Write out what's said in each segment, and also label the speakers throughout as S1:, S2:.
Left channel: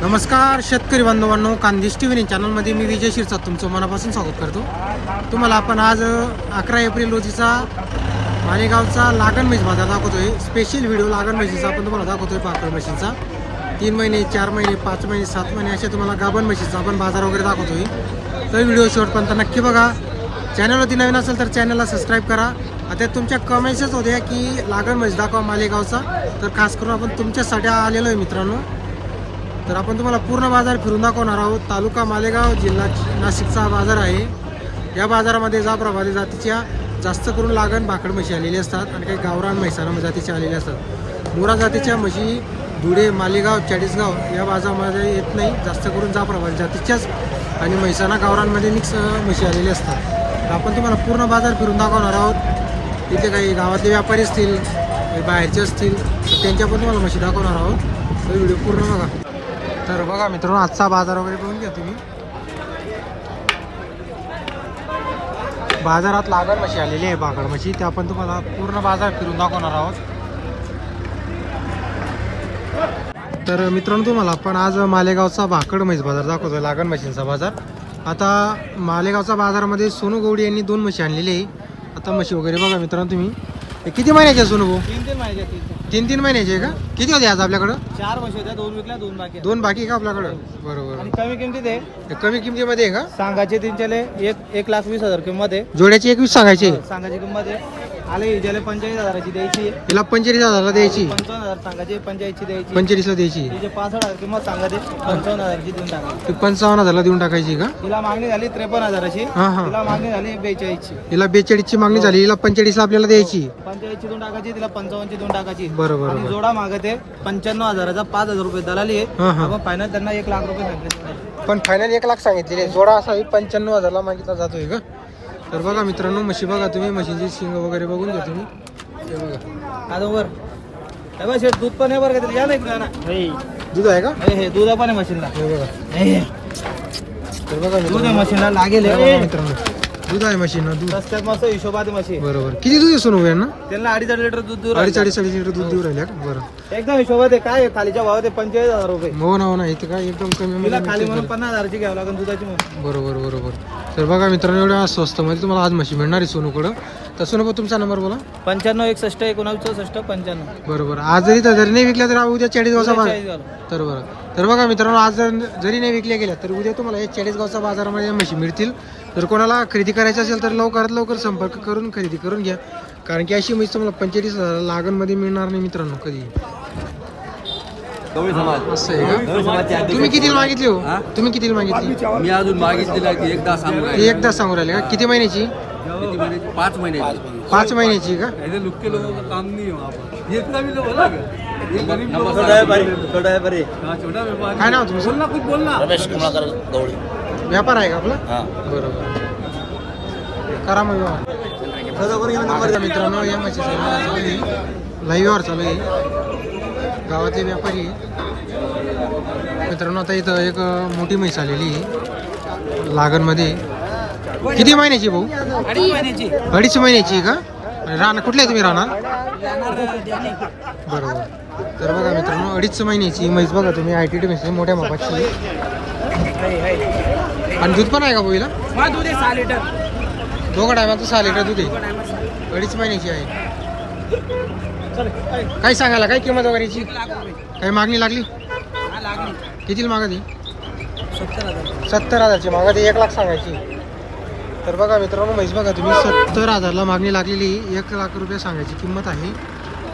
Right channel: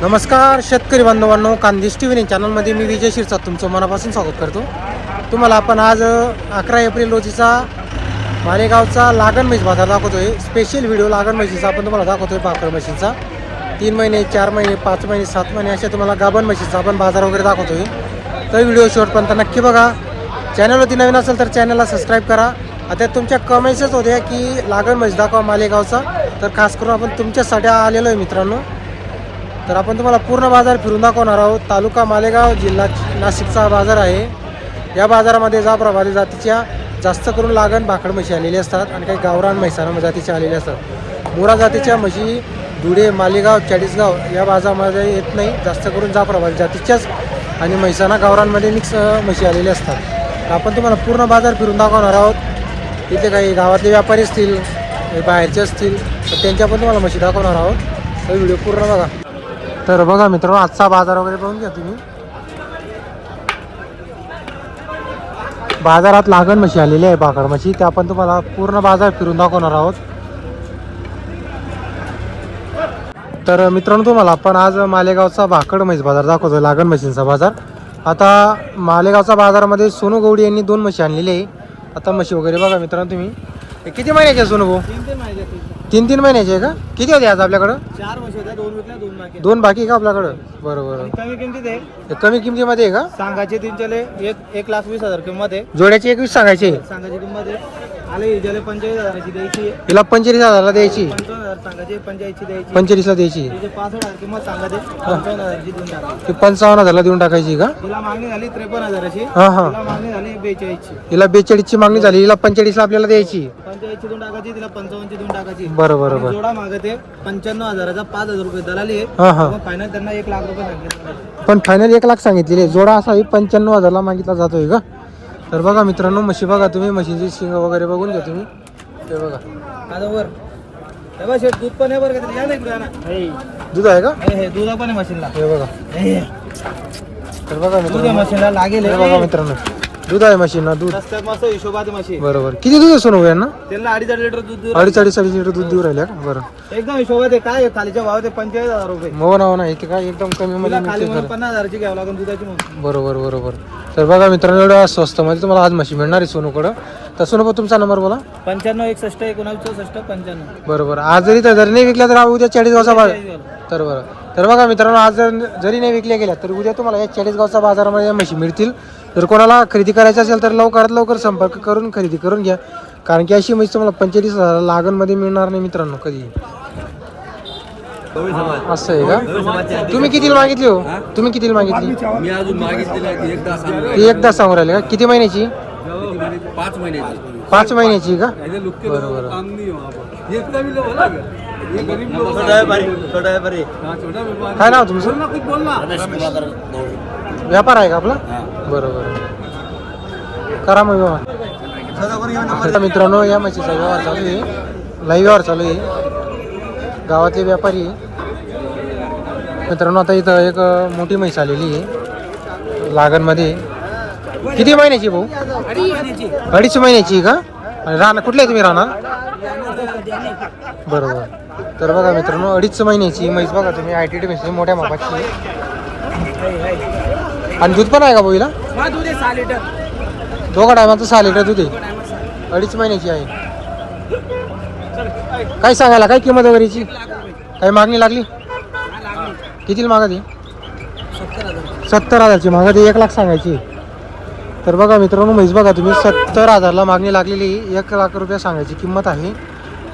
S1: नमस्कार शेतकरी बांधवांनो कांदिश टी व्ही चॅनलमध्ये मी विजय शिरसाट तुमचं मनापासून स्वागत करतो. तुम्हाला आपण आज अकरा एप्रिल रोजीचा मालेगावचा लागण म्हैस बाजार दाखवतोय. स्पेशल व्हिडिओ लागण म्हशीचा आपण तुम्हाला दाखवतोय पाकळ म्हशींचा. तीन महिने चार महिने पाच महिने सात महिने अशा तुम्हाला गाभण म्हशीचा आपण बाजार वगैरे दाखवतोय. तर व्हिडिओ शेवटपर्यंत नक्की बघा. चॅनलवरती नवीन असेल तर चॅनलला सबस्क्राईब करा. आता तुमच्या कमेंट्सच होत्या की लागण म्हैस दाखवा मालेगावचा. तर खास करून आपण तुमच्यासाठी आलेलो आहे मित्रांनो. तर आपण तुम्हाला पूर्ण बाजार फिरून दाखवणार आहोत. तालुका मालेगाव जिल्हा नाशिकचा बाजार आहे. या बाजारामध्ये जाप्रभारी जातीच्या जास्त करून लागण भाकड म्हशी आलेली असतात आणि काही गावरान म्हैसाना जातीच्या आलेल्या असतात. मुरा जातीच्या म्हशी धुळे मालेगाव चाळीसगाव या बाजारामध्ये येत नाही. जास्त करून जाप्रभारी जातीच्याच आणि म्हैसाना गावरांमध्ये मिक्स म्हशी आलेल्या असतात. आपण तुम्हाला पूर्ण बाजार फिरून दाखवणार आहोत. इथे काही गावातले व्यापारी असतील बाहेरचे असतील तर त्यांच्या पण तुम्हाला म्हशी दाखवणार आहोत. तर व्हिडिओ पूर्ण बघा. तर बघा मित्रांनो आजचा बाजार वगैरे बघून घ्या तुम्ही. बाजारात लागण म्हशी आलेली आहे बाकड म्हशी. ते आपण तुम्हाला पूर्ण बाजार फिरून दाखवणार आहोत. तर मित्रांनो तुम्हाला आपण आज मालेगावचा भाकड म्हैस बाजार दाखवतो लागण म्हशींचा बाजार. आता मालेगावचा बाजारामध्ये सोनू गवडी यांनी दोन म्हशी आणलेली आहे. आता म्हशी वगैरे बघा मित्रांनो तुम्ही. किती महिन्याचे सोनू भाऊ?
S2: तीन तीन
S1: महिन्याचे आहे का? किती होते आज आपल्याकडं?
S2: चार होत्या दोन विकल्या दोन बाकी आहेत.
S1: दोन बाकी आहे का आपल्याकडं? बरोबर.
S2: आणि कमी किमतीत आहे.
S1: कमी किमतीमध्ये आहे का?
S2: सांगायचे तीनशेले एक एक लाख वीस हजार किंमत आहे.
S1: जोड्याची एकवीस सांगायची.
S2: सांगायची किंमत आहे. आले हिजाले पंचेचाळीस हजाराची द्यायची.
S1: हिला पंचेचाळीस हजारला द्यायची?
S2: पंचावन्न हजार सांगायचे द्यायची.
S1: पंचेचाळीसला द्यायची?
S2: तिचे पासष्ट हजार किंमत पंचावन्न हजारची देऊन
S1: ती पंचावन्न हजारला देऊन टाकायची का?
S2: तिला मागणी झाली त्रेपन्न हजाराची.
S1: हा हा.
S2: तिला मागणी झाली बेचाळीसची.
S1: हिला बेचाळीसची मागणी झाली हिला पंचेचाळीसला आपल्याला द्यायची.
S2: पंचेचाळीसची देऊन टाकायची तिला पंचावन्नची देऊन टाकायची.
S1: बरं बरं
S2: आणि
S1: बरं.
S2: जोडा मागते पंच्याण्णव हजाराचा पाच हजार रुपये दलाली आहे.
S1: हा हा.
S2: मग फायनल त्यांना एक लाख रुपये सांगितले.
S1: पण फायनल एक लाख सांगितलेली. आहे. जोडा असा ही पंच्याण्णव हजारला मागितला जातोय का? तर बघा मित्रांनो म्हशी बघा तुम्ही म्हशीची शिंग वगैरे बघून घ्या तुम्ही. ते बघा.
S2: आता वर. हे बघ दूध पण आहे बरं का ना इकडं हे.
S1: दूध आहे का?
S2: हे दूध पण आहे मशीनला
S1: हे बघा.
S2: हे,
S1: तर बघा
S2: दूध मशीनला लागेल
S1: हे बघा. मित्रांनो. दूध आहे म्हशी ना दूध
S2: रस्त्यात मस्त हिशोबात मशीन
S1: बरोबर. किती दूध आहे सोनू यांना?
S2: त्यांना अडीच अडीच लिटर दूध
S1: अडीच अडीच अडीच लिटर दूध देऊ राहिले का? बरं.
S2: एकदम हिशोबात आहे. काय आहे? खालीच्या भावात आहे पंचेचाळीस हजार रुपये.
S1: हो ना हो ना इथे काय एकदम कमी मध्ये
S2: तिला खाली
S1: मिळते
S2: म्हणून. पन्नास हजारची घ्यावं लागेल दुधाची म्हणून.
S1: बरोबर बरोबर. तर बघा मित्रांनो एवढ्या स्वस्त मध्ये तुम्हाला आज म्हशी मिळणार आहे सोनूकडं. तर सोनू तुमचा नंबर बोला.
S2: पंच्याण्णव एकसष्ट एकोणावीस चौसष्ट पंच्याण्णव.
S1: बरोबर. आज जरी तर जरी नाही विकल्या तर उद्या चाळीस
S2: घालू.
S1: तर बरं. तर बघा मित्रांनो आज जर जरी नाही विकल्या गेल्या तर उद्या तुम्हाला या चाळीसगावच्या बाजारामध्ये या म्हशी मिळतील. जर कोणाला खरेदी करायची असेल तर लवकरात लवकर संपर्क करून खरेदी करून घ्या. कारण की अशी म्हशी तुम्हाला पंचेचाळीस हजार लागणमध्ये मिळणार नाही मित्रांनो कधी. असं आहे का? तुम्ही किती मागितली हो? तुम्ही किती मागितली?
S3: मी अजून मागितली एकदा
S1: एकदा सांगू राहिले का? किती महिन्याची?
S3: पाच महिन्याची.
S1: पाच महिन्याची का?
S3: ऐसे लुक के लोगों का काम नहीं हो आप एकदा भी तो बोला क्या ये गरीब लोगों
S2: छोटा
S3: का
S2: आहे बारी, छोटा आहे बारी.
S3: हाँ, छोटा व्यापारी.
S1: काय नाव तुमचं?
S3: बोलना कुछ बोलना
S1: व्यापार आहे का आपला? बरोबर. करा मग व्यवहार. मित्रांनो या म्हशीचा व्यवहार चालू आहे. लाईव्ह व्यवहार चालू आहे. गावातले व्यापारी. मित्रांनो आता इथं एक मोठी म्हैस आलेली आहे. लागणमध्ये. किती महिन्याची भाऊ?
S2: अडीच महिन्याची
S1: का? राहणार कुठले तुम्ही राहणार बरोबर. तर बघा मित्रांनो अडीच महिन्याची म्हैस बघा तुम्ही आय टी टी म्हैस मोठ्या मापाची आहे. आणि दूध पण आहे का
S2: लिटर.
S1: दोघा टायमाचं सहा लिटर दूध आहे. अडीच महिन्याची आहे. काय सांगायला काय किंमत वगैरेची काही मागणी लागली? किती मागत आहे
S2: सत्तर हजार.
S1: सत्तर हजारची मागत एक लाख सांगायची. तर बघा मित्रांनो म्हैस बघा तुम्ही सत्तर हजारला मागणी लागलेली एक लाख रुपये सांगायची किंमत आहे.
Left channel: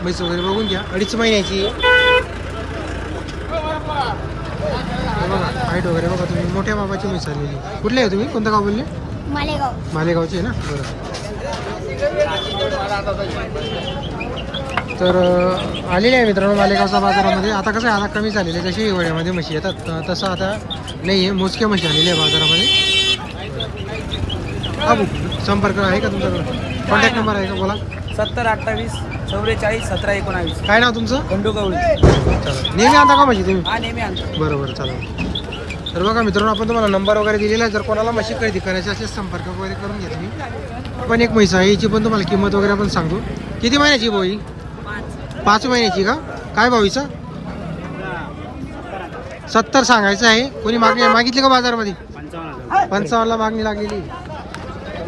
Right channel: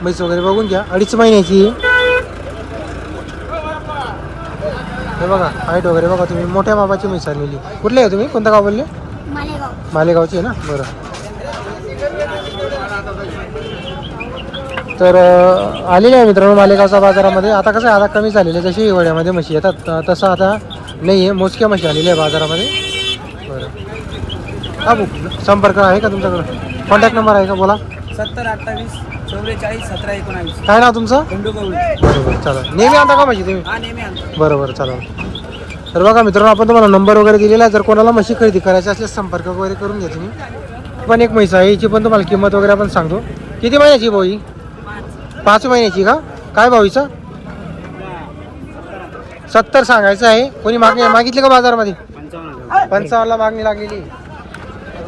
S1: म्हैस वगैरे बघून घ्या. अडीच महिन्याची. बघा हाईट वगैरे बघा तुम्ही. मोठ्या मापाची म्हैस आलेली कुठले आहे तुम्ही? कोणतं गाव बोलले?
S4: मालेगाव.
S1: मालेगावचे आहे ना? बरं. तर आलेले आहे मित्रांनो मालेगावच्या बाजारामध्ये. आता कसं आहे आता कमी झालेले जसे हिवाळ्यामध्ये म्हशी येतात तसं आता नाही आहे मोजक्या म्हशी आलेल्या आहे बाजारामध्ये. भाऊ संपर्क आहे का तुमच्याकडं? कॉन्टॅक्ट नंबर आहे का? बोला.
S2: सत्तर अठ्ठावीस चौवेचाळीस सतरा एकोणावीस.
S1: काय नाव तुमचं?
S2: खंडू गवळी
S1: चालेल नेहमी आणता का म्हशी तुम्ही?
S2: हा नेहमी आणतो.
S1: बरं बरं चालेल तर बघा मित्रांनो आपण तुम्हाला नंबर वगैरे दिलेला आहे. जर कोणाला म्हशी खरेदी करायची असल्यास संपर्क वगैरे करून घ्या तुम्ही. पण एक म्हैस आहे हिची पण तुम्हाला किंमत वगैरे आपण सांगतो. किती महिन्याची भाऊ ही? पाच महिन्याची का? काय भाऊ हिचा? सत्तर सांगायचं आहे. कोणी मागणी मागितली का बाजारामध्ये? पंचावन्नला मागणी लागलेली.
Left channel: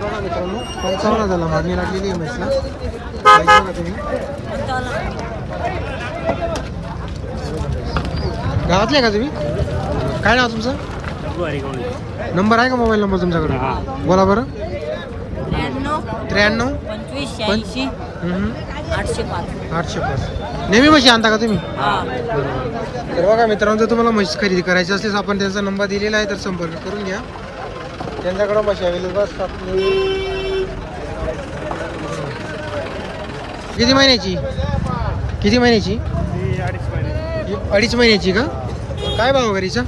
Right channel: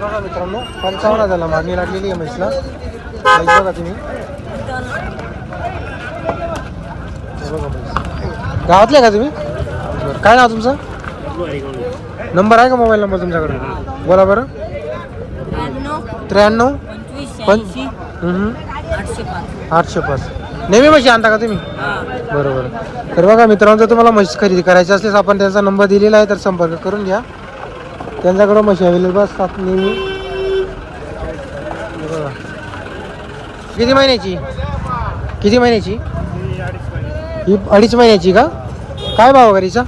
S1: बघा मित्रांनो पंचावन्न हजारला मागणी लागलेली आहे म्हैसला बघा तुम्ही. गावातले का तुम्ही. काय नाव तुमचं? नंबर आहे का मोबाईल नंबर तुमच्याकडे? बोला बरं.
S4: त्र्याण्णव. आठशे पाच.
S1: नेहमी म्हशी आणता का तुम्ही? बरोबर. तर बघा मित्रांनो जर तुम्हाला म्हशी खरेदी करायची असल्यास आपण त्यांचा नंबर दिलेला आहे तर संपर्क करून घ्या. त्यांच्याकडं म्हशी अवेलेबल असतात नेहमी. बघा. किती महिन्याची? किती महिन्याची? ही अडीच महिन्याची का? काय भाव घरीचा?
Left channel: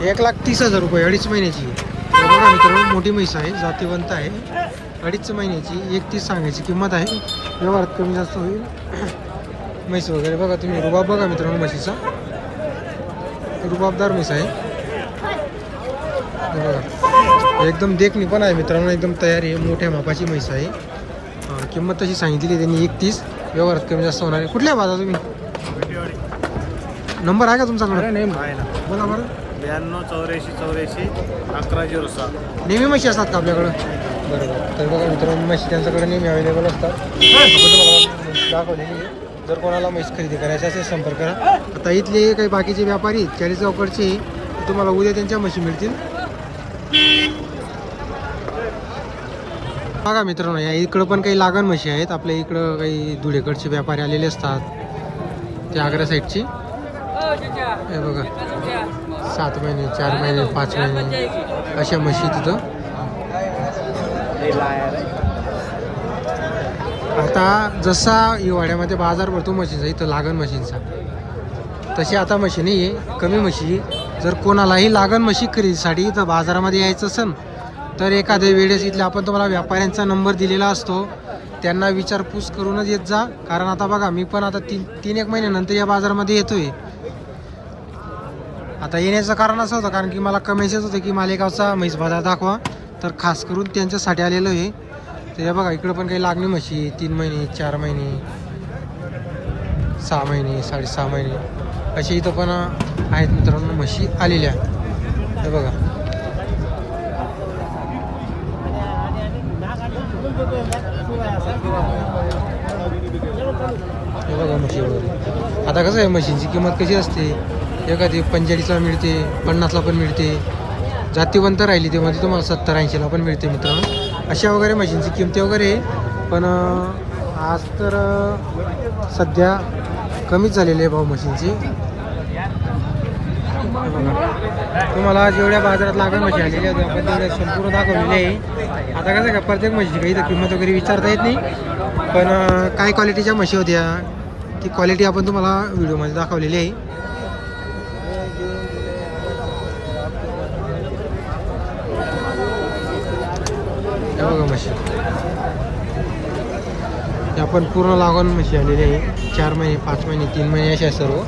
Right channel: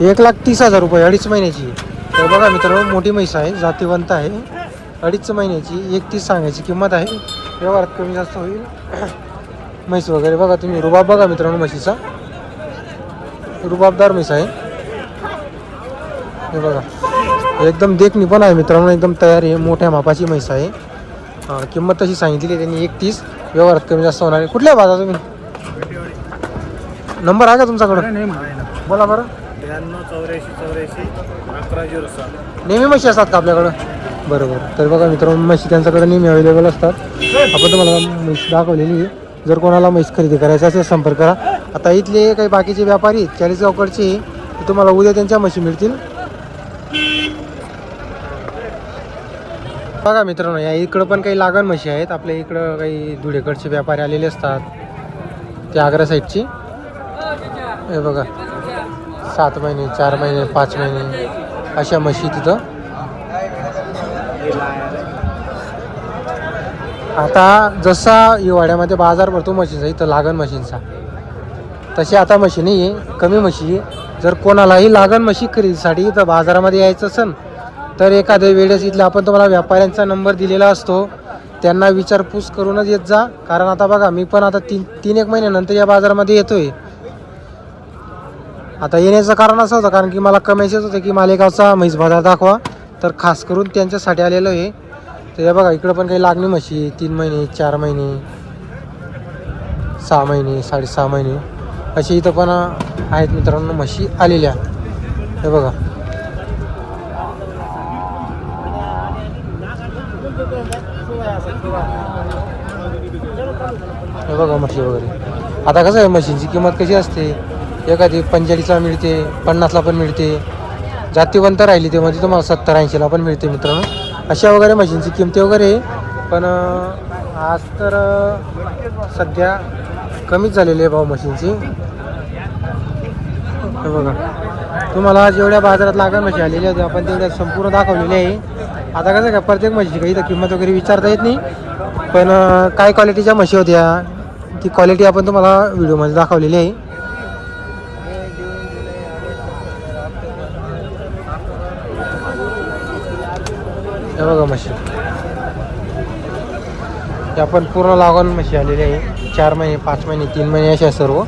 S1: एक लाख तीस हजार रुपये अडीच महिन्याची. तर बघा मित्रांनो मोठी म्हैस आहे जातीवंत आहे. अडीच महिन्याची एक तीस सांगायची किंमत आहे. व्यवहारात कमी जास्त होईल. म्हैस वगैरे बघा तुम्ही रुबाब बघा मित्रांनो म्हशीचा. रुबाबदार म्हैस आहे. हे बघा. एकदम देखणी पण आहे मित्रांनो एकदम तयार आहे. मोठ्या मापाची म्हैस आहे. किंमत तशी सांगितली त्यांनी एक तीस व्यवहारात कमी जास्त होणार आहे. कुठल्या बाजा तुम्ही? नंबर आहे का तुमच्याकडं? बोला बरं.
S2: ब्याण्णव चौऱ्याऐंशी चौऱ्याऐंशी अकरा झिरो सात.
S1: नेहमी म्हशी असतात का आपल्याकडं? बरोबर. तर बघा मित्रांनो म्हशी त्यांच्याकडे नेहमी अवेलेबल असतात. आपण तुम्हाला दाखवलेली आहे. जर कोणाला म्हैस खरेदी करायची असेल संपर्क करा. आता इथले काही बाकीचे व्यापारी आहेत चाळीस चौकडचे तुम्हाला उद्या त्यांच्या म्हशी मिळतील. बघा मित्रांनो या इकडं पण काही लागण म्हशी आहेत. आपल्या इकडं काही धुळेकडचे व्यापारी आलेले असतात. ते आग्रा साईडची. हे बघा. सात महिने चार महिने पाच महिने. अशा म्हशी तिथं. आता जसा हिवाळ्यामध्ये बाजार भरतो मशीनचा इथं लागण मशीनचा तशी आता म्हशी नाही आहे कमी म्हशी. आहे जर कोणालाही लागण म्हशी खरेदीसाठी इथं बाजारामध्ये यायचं असेल तर एखाद्या वेळेस इथल्या आपण तुम्हाला व्यापाऱ्यांचा नंबर दिलेला असतो. त्यांना विचारपूस करूनच येत जा. कारण आता बघा मी पण आता तीन तीन एक महिन्यानंतर या बाजारामध्ये येतोय. आता येण्याचं कारण असं होतं कारण की मला कमेसेच होतं की मालेगावचा म्हैस बाजार दाखवा. तर खास करून त्यांच्यासाठी आलेलो आहे. तर या बघा इकडं पण काही लागणी म्हशी तीन महिने चार महिने सहा महिने साडेसहा महिने. असे इथं पण आहेत मित्रांनो म्हशी आलेल्या. हे बघा. हे बघा म्हशी वगैरे. आता कसं आहे म्हशींची किंमत कशी असते? एखादी पंचेचाळीसला मिळते पन्नासला पण मिळते. जातीवंत राहिली ते म्हणजे तुम्हाला सत्तर ऐंशीला पण मिळते मित्रांनो अशा वगैरे मशीनची किमती वगैरे आहे. पण आज तर सध्या कमीच झालेली आहे भाव मशीनची हे बघा. तुम्हाला जेवढ्या बाजारात लागण म्हशी आलेली आपण तेवढ्या संपूर्ण दाखवलेली आहे. आता कसं आहे का प्रत्येक म्हशीची काही तर किंमत वगैरे विचारता येत नाही. पण काय क्वालिटीच्या म्हशी होत्या ती क्वालिटी आपण तुम्हाला व्हिडिओमध्ये दाखवलेली आहे. हे बघा म्हशी. आपण पूर्ण लागून म्हशी आलेली आहे. चार महिने पाच महिने तीन महिने अशा सर्व.